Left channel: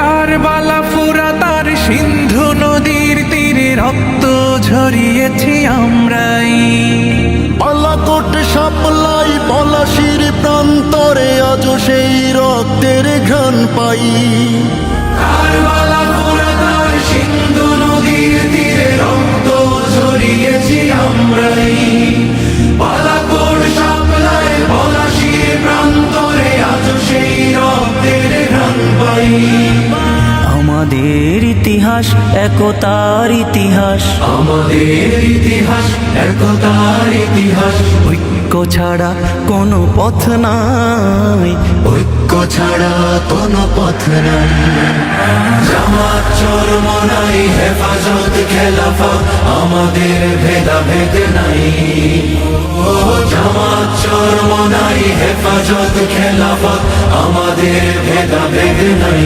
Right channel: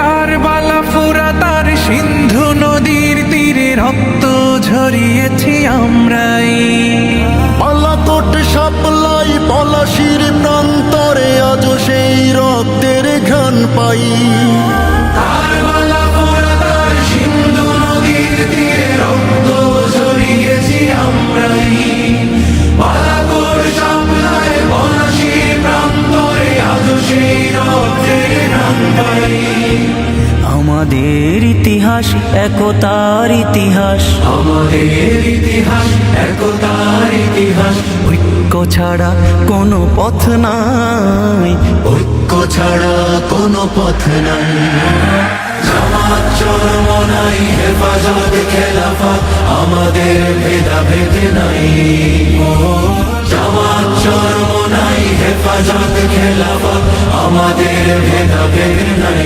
কারবালা ফুরাত আর সিন্ধু নদীর তীরে রক্ত ঝরিয়েছি আমরাই। বালাকোট সাপলাই পলাশির প্রান্তরে আজ সেই রক্তের ঘ্রাণ পাই। কারবালা ফুরাত আর সিন্ধু নদীর তীরে রক্ত ঝরিয়েছি আমরাই। বালাকোট সাপলাই পলাশির প্রান্তরে আজ সেই রক্তের ঘ্রাণ পাই। আমাদের ইতিহাস একতার ইতিহাস, আমাদের ইতিহাস একতার ইতিহাস। ঐক্য ছাড়া কোনো পথ নাই, ঐক্য ছাড়া কোনো পথ নাই। জামাত চরমনাই হেফাজত খেলাফত আমাদের ভেদাভেদ নাই। জামাত চরমনাই হেফাজত খেলাফত আমাদের ভেদাভেদ নাই।